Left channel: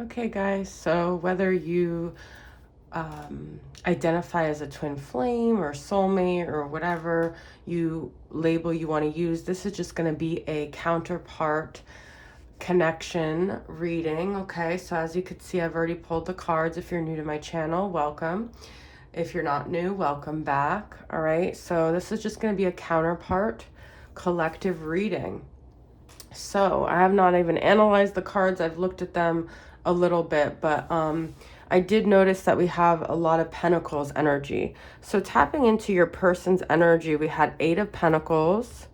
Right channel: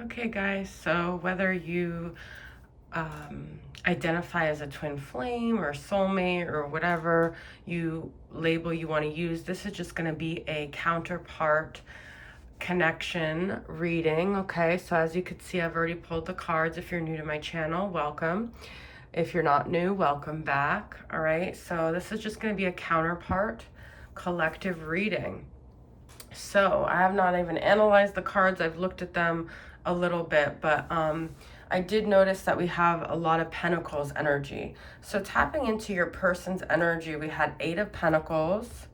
Okay, guys, so whether you identify as a twin flame or soulmate or whatever label you want to use, this is just going to be a counterpart connection reading. Okay, so as you can see, I've already pulled the cards. If you're new to my channel, welcome. If you're not new, welcome back. All right, so this is just going to be a counterpart collective reading. So I have not even analyzed the cards. I've looked at them a little bit, but I did notice that we have a lot of Pentacles energy. So tapping into your person's energy, we had 8 of Pentacles.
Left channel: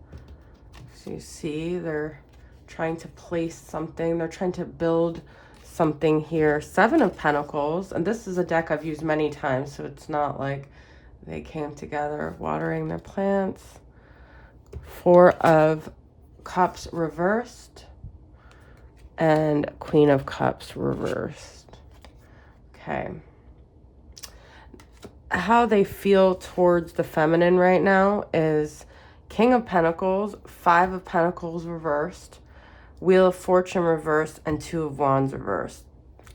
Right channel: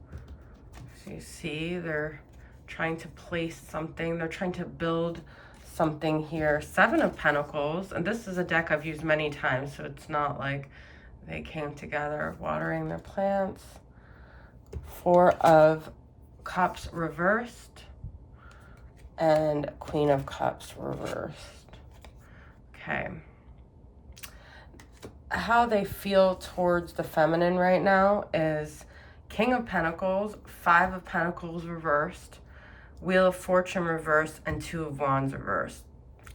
So you see they're trying to place something. They're trying to build something here. 7 of Pentacles, and this is a deck I've used many times, so it's not like they came together. Watering their plants. 4 of Cups reversed and Queen of Cups reversed. Okay. How they feel towards the feminine right now is King of Pentacles, 5 of Pentacles reversed, Wheel of Fortune reversed, and 2 of Wands reversed.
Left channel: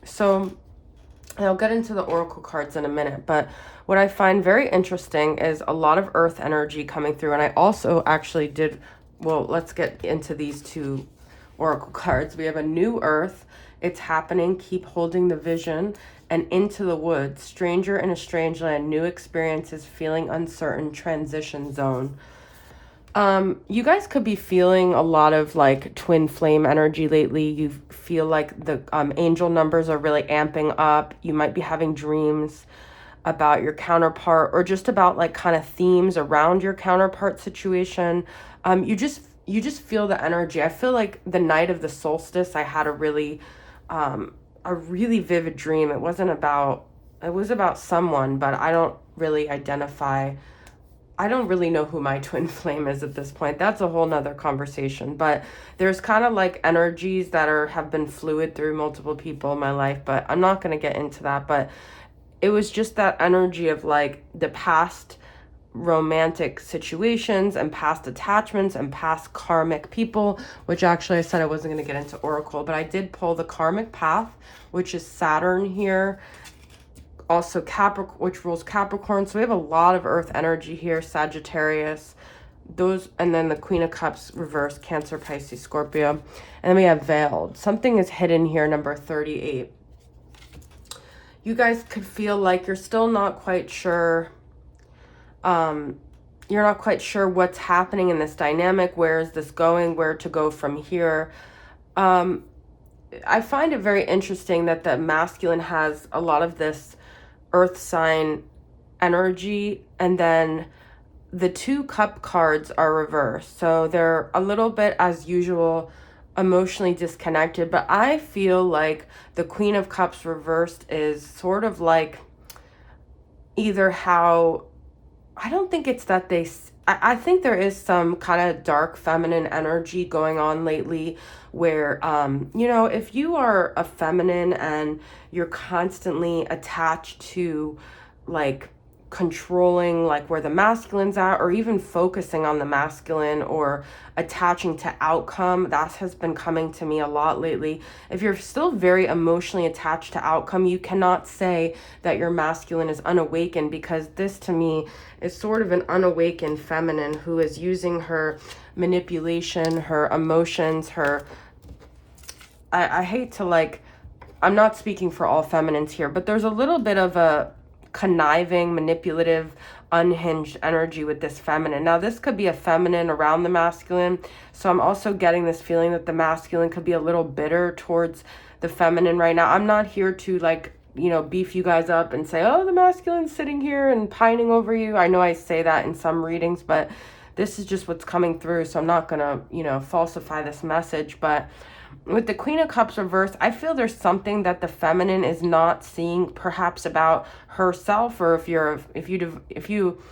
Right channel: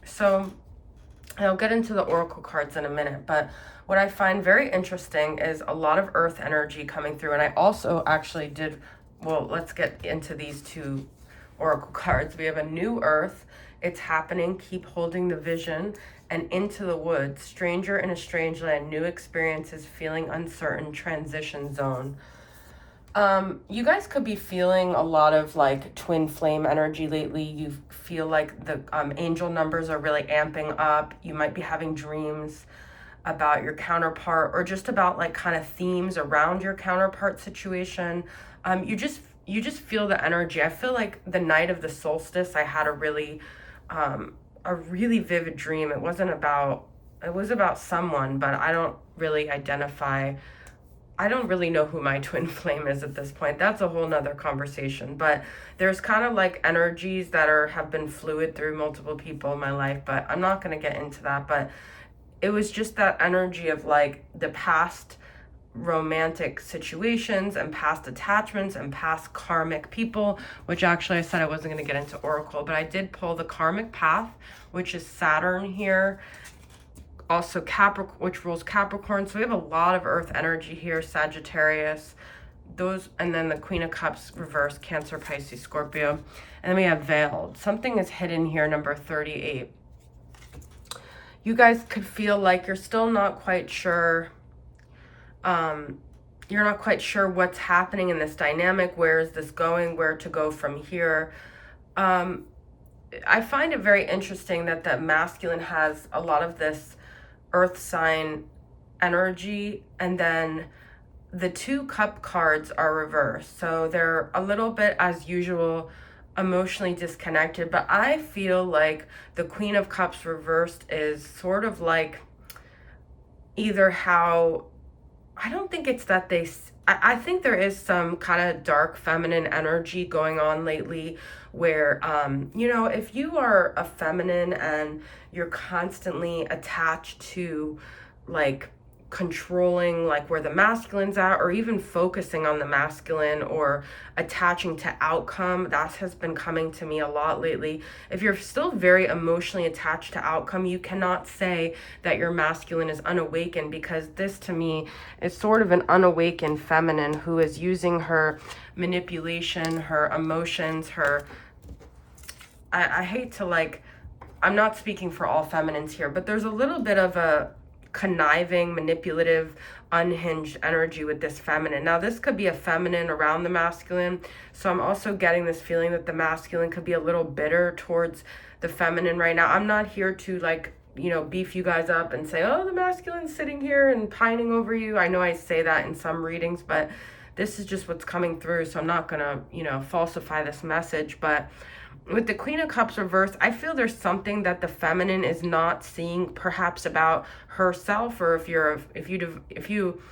So I'll get into the oracle cards in a minute, but what I find very interesting is a lot of earth energy coming through. And I also actually did, well, let's get into these 2 oracle cards. We have a new earth. It's happening. Keep holding the vision. And Into the Woods. Stranger in a strange land. New experiences. Feeling uncertain. Transition zone. You guys could be feeling a lot of like twin flame energy lately. You feel like the angel numbers are really amping up. You might be having dreams about your counterpart, or just about like kind of themes around your counterpart situation. You just feel the energy. I feel like the night of the solstice, I had a really vivid dream. It was about someone, but I don't really know who my twin flame is at this point. That's a whole nother conversation. But there's kind of like energies that have been fluid through multiple people in my life, but I'm not going to get into that. But it was just that energy of like the past romantic situations and past attachments and past karmic people, which actually I said I wasn't going to get into oracle, but I did pull the karmic path, which is Saturn here. Also Capricorn, which rules Capricorn. So we have a lot of earth energy here. Sagittarius, those, and then the Queen of Cups reversed, Cancer, Pisces, Scorpio. And then we have Veiled. Something is hidden here, number 38. You guys could feel like you're still not quite sure. You're not quite sure what's happening in this dynamic. Where is this going? Where to go from here? I find it very interesting that the masculine has a lot of this earth sign energy, and then the 2 cup cards are reversed. So they're a little bit, as usual, emotionally disconnected. But I feel like the Queen of Cups reversed is sort of like either how, I don't think it's that I think there is some kind of dark feminine energy going on lately where, if you are a feminine and you're constantly attached to like controlling like where the masculine's at, or even focusing on the masculine, or attaching to outcome, that has been coming to me a lot lately. If you're still very emotionally attached to outcome, you cannot say that your masculine is unawakened, because this to me is sort of an unawakened feminine who is using her manipulation, her emotions, her, I hate to like, I'm not speaking for all feminines here, but there's a little bit of a conniving, manipulative, unhinged energy with this feminine. Now, this could be a feminine around the masculine. So I'm also getting this feeling that the masculine could be a little bitter towards the feminine right now. I'm not here to like, beef you guys up and say, oh, the masculine's sitting here and pining over you. I know I say that in some readings, but this is just what's coming through. So I'm not going to, falsify this message. But with the Queen of Cups reversed, I feel there's something that the feminine is not seeing, perhaps about herself, or if you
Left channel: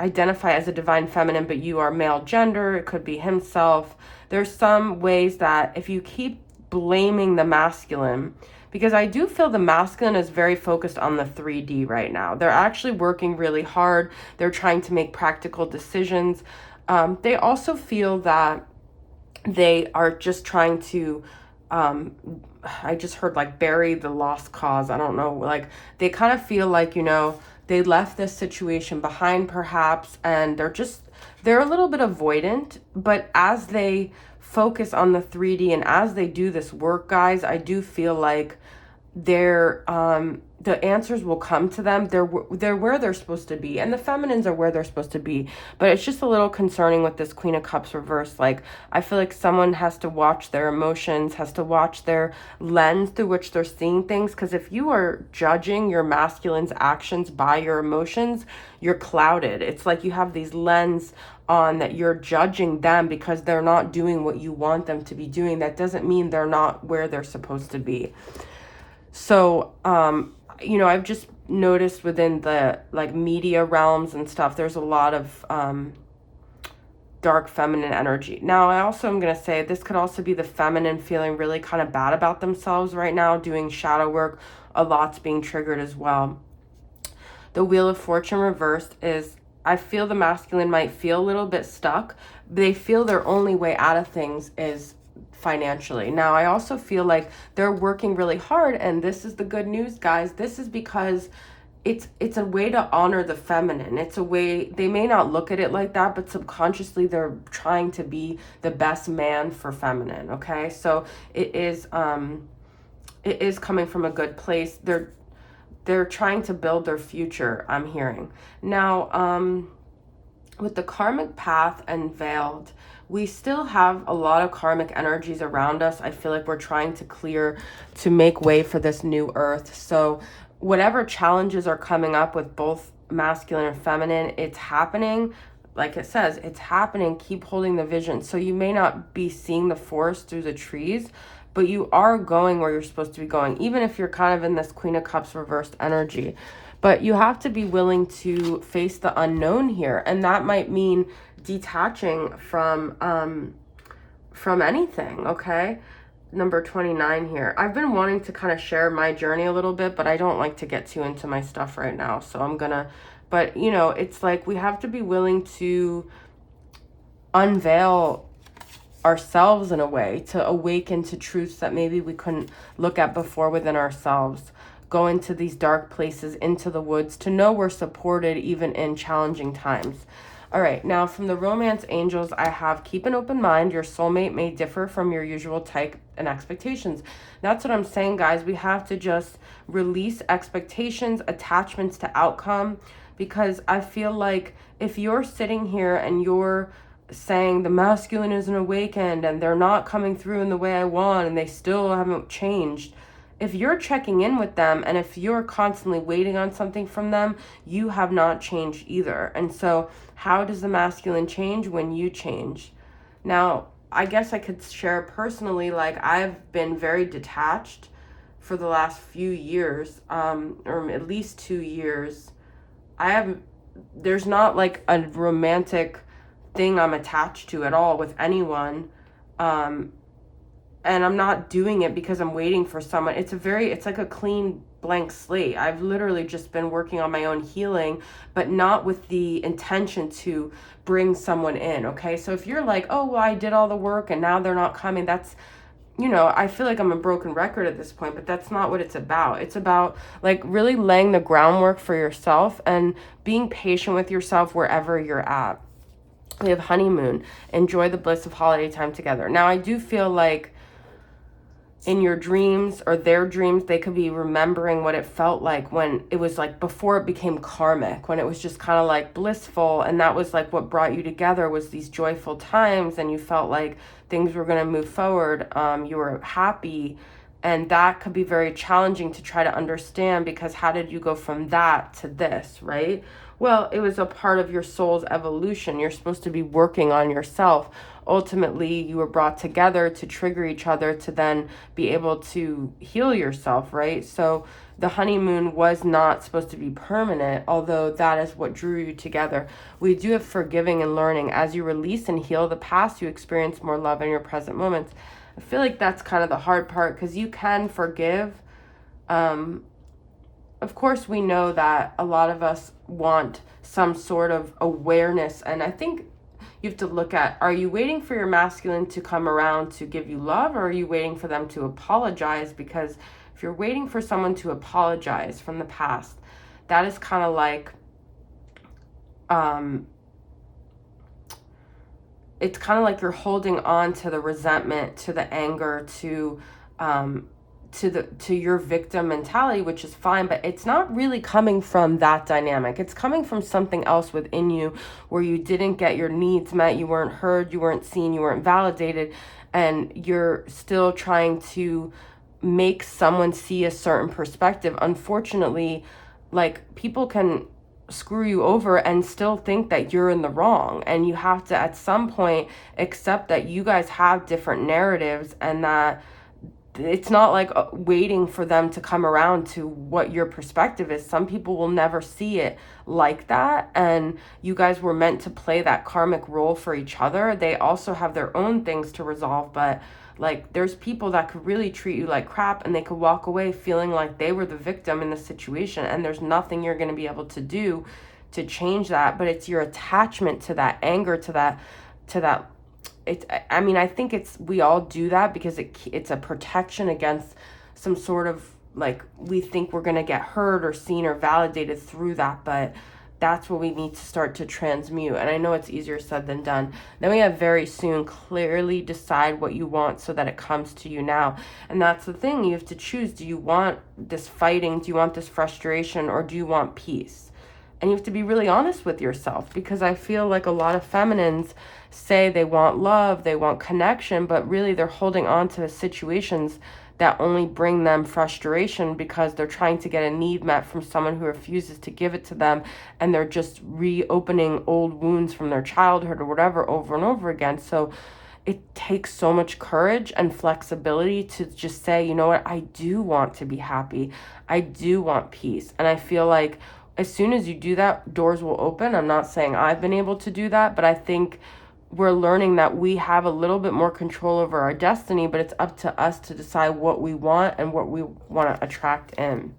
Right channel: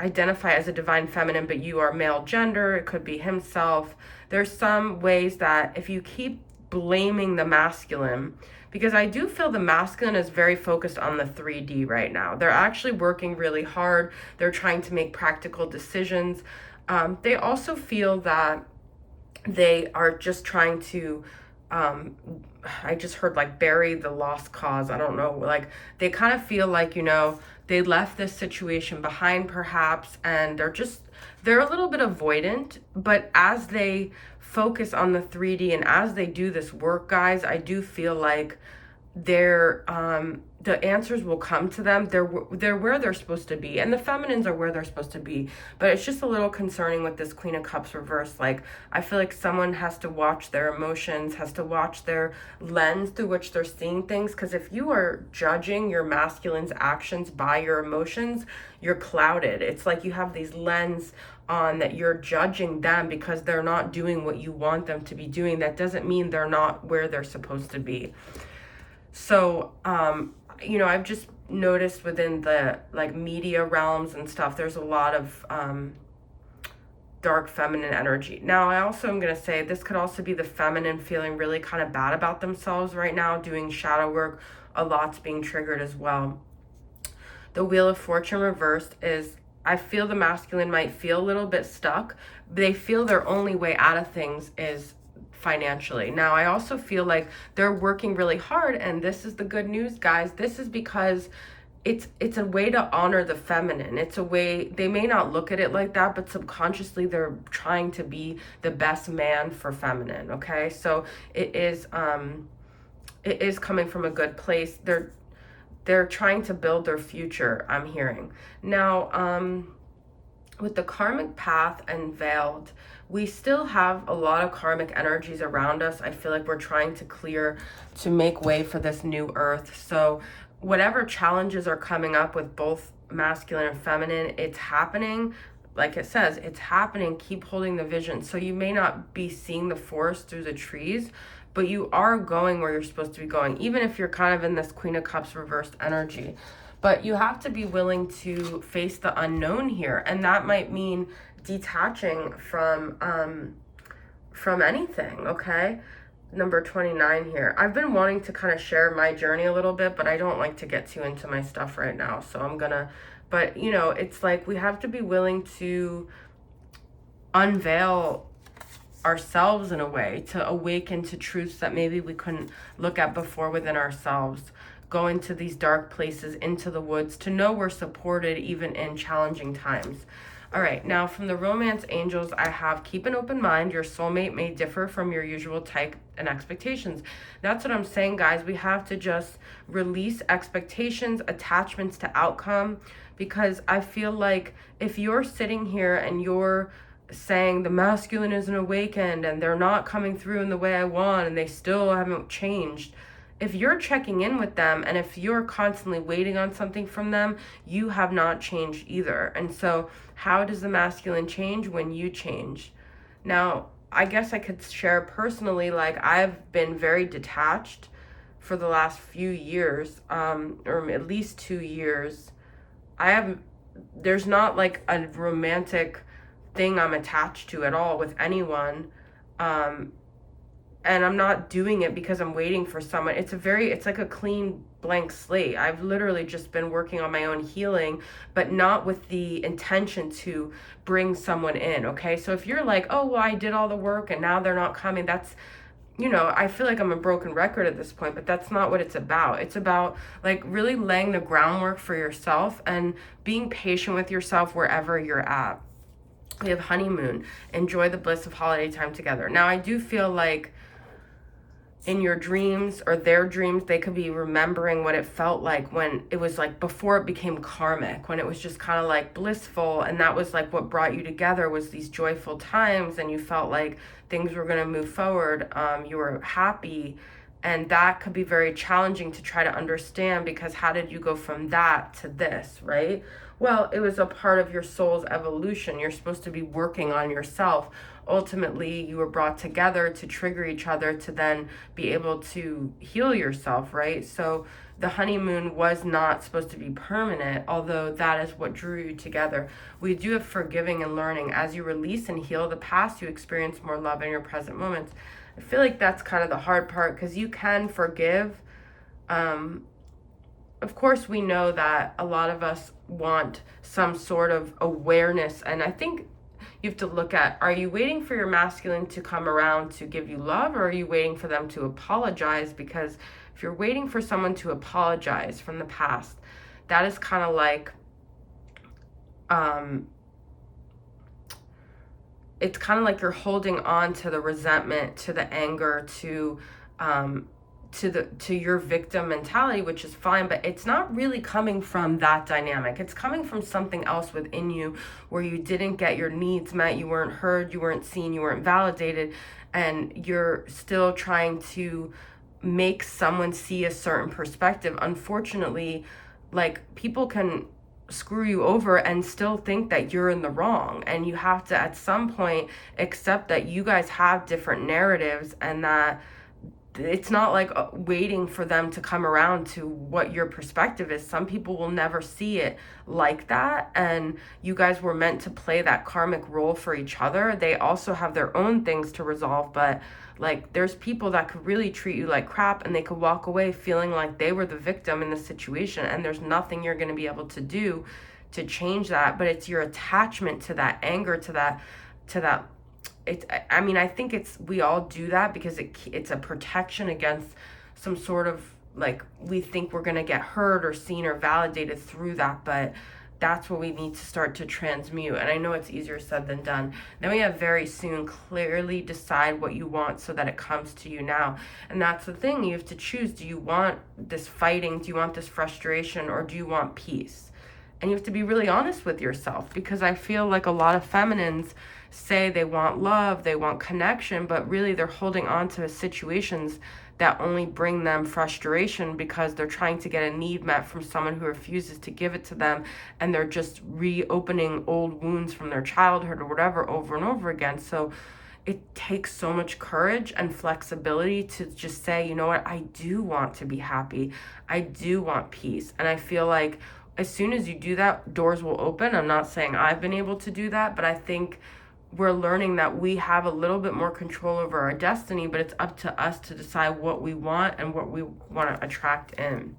identify as a divine feminine but you are male gender, it could be himself. There's some ways that if you keep blaming the masculine, because I do feel the masculine is very focused on the 3D right now. They're actually working really hard. They're trying to make practical decisions. They also feel that they are just trying to um I just heard like bury the lost cause. I don't know, like they kind of feel like, they left this situation behind perhaps, and they're a little bit avoidant, but as they focus on the 3D and as they do this work, guys, I do feel like the answers will come to them. They're where they're supposed to be, and the feminines are where they're supposed to be. But it's just a little concerning with this Queen of Cups reverse. Like, I feel like someone has to watch their emotions, has to watch their lens through which they're seeing things, because if you are judging your masculine's actions by your emotions, you're clouded. It's like you have these lens on that you're judging them because they're not doing what you want them to be doing. That doesn't mean they're not where they're supposed to be. So, I've just noticed within the like media realms and stuff, there's a lot of dark feminine energy. Now, I also am going to say this could also be the feminine feeling really kind of bad about themselves right now, doing shadow work. A lot's being triggered as well. The Wheel of Fortune reversed is, I feel the masculine might feel a little bit stuck. They feel their only way out of things is financially. Now, I also feel like they're working really hard, and this is the good news, guys. This is because it's a way to honor the feminine. It's a way, they may not look at it like that, but subconsciously they're trying to be the best man for feminine, okay? So it is coming from a good place. They're trying to build their future, I'm hearing. Now, with the karmic path and veiled, we still have a lot of karmic energies around us. I feel like we're trying to clear, to make way for this new earth. So whatever challenges are coming up with both masculine and feminine, it's happening. Like it says, it's happening. Keep holding the vision. So you may not be seeing the forest through the trees, but you are going where you're supposed to be going, even if you're kind of in this Queen of Cups reversed energy. But you have to be willing to face the unknown here, and that might mean detaching from anything, okay? Number 29 here. I've been wanting to kind of share my journey a little bit, but I don't like to get too into my stuff right now, so I'm gonna, but it's like we have to be willing to unveil ourselves in a way, to awaken to truths that maybe we couldn't look at before within ourselves. Go into these dark places, into the woods, to know we're supported even in challenging times. All right, now from the romance angels, I have keep an open mind. Your soulmate may differ from your usual type and expectations. That's what I'm saying, guys. We have to just release expectations, attachments to outcome, because I feel like if you're sitting here and you're saying the masculine isn't awakened and they're not coming through in the way I want and they still haven't changed, if you're checking in with them and if you're constantly waiting on something from them, you have not changed either. And so how does the masculine change? When you change. Now, I guess I could share personally, like I've been very detached for the last few years, or at least 2 years. There's not like a romantic thing I'm attached to at all with anyone. And I'm not doing it because I'm waiting for someone. It's like a clean blank slate. I've literally just been working on my own healing, but not with the intention to bring someone in, okay? So if you're like, oh, well, I did all the work and now they're not coming, that's, I feel like I'm a broken record at this point, but that's not what it's about. It's about like really laying the groundwork for yourself and being patient with yourself wherever you're at. We have honeymoon. Enjoy the bliss of holiday time together. Now, I do feel like in your dreams or their dreams, they could be remembering what it felt like when it was like before it became karmic, when it was just kind of like blissful, and that was like what brought you together, was these joyful times, and you felt like things were going to move forward. You were happy, and that could be very challenging to try to understand, because how did you go from that to this, right? Well, it was a part of your soul's evolution. You're supposed to be working on yourself. Ultimately, you were brought together to trigger each other to then be able to heal yourself, right? So the honeymoon was not supposed to be permanent, although that is what drew you together. We do have forgiving and learning. As you release and heal the past, you experience more love in your present moments. I feel like that's kind of the hard part, because you can forgive. Of course, we know that a lot of us want some sort of awareness, and I think you have to look at, are you waiting for your masculine to come around to give you love, or are you waiting for them to apologize? Because if you're waiting for someone to apologize from the past, that is kind of like, it's kind of like you're holding on to the resentment, to the anger, to your victim mentality, which is fine, but it's not really coming from that dynamic. It's coming from something else within you where you didn't get your needs met, you weren't heard, you weren't seen, you weren't validated, and you're still trying to make someone see a certain perspective. Unfortunately, like, people can screw you over and still think that you're in the wrong, and you have to at some point accept that you guys have different narratives, and that it's not like waiting for them to come around to what your perspective is. Some people will never see it like that, and you guys were meant to play that karmic role for each other. They also have their own things to resolve, but like, there's people that could really treat you like crap, and they could walk away feeling like they were the victim in the situation, and there's nothing you're going to be able to do to change that. But it's your attachment to that anger, to that I mean, I think we all do that because it's a protection against some sort of, like, we think we're going to get heard or seen or validated through that, but that's what we need to start to transmute. And I know it's easier said than done. Then we have very soon, clearly decide what you want so that it comes to you now. And that's the thing, you have to choose. Do you want this fighting? Do you want this frustration? Or do you want peace? And you have to be really honest with yourself, because I feel like a lot of feminines say they want love, they want connection, but really they're holding on to situations that only bring them frustration because they're trying to get a need met from someone who refuses to give it to them, and they're just reopening old wounds from their childhood or whatever over and over again. So it takes so much courage and flexibility to just say, you know what, I do want to be happy, I do want peace. And I feel like as soon as you do that, doors will open. I'm not saying I've been able to do that, but I think we're learning that we have a little bit more control over our destiny, but it's up to us to decide what we want and what we want to attract in.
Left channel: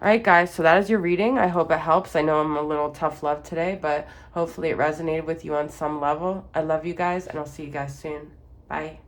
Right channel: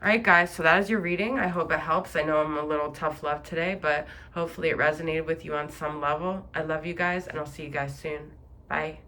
All right, guys, so that is your reading. I hope it helps. I know I'm a little tough love today, but hopefully it resonated with you on some level. I love you guys, and I'll see you guys soon. Bye.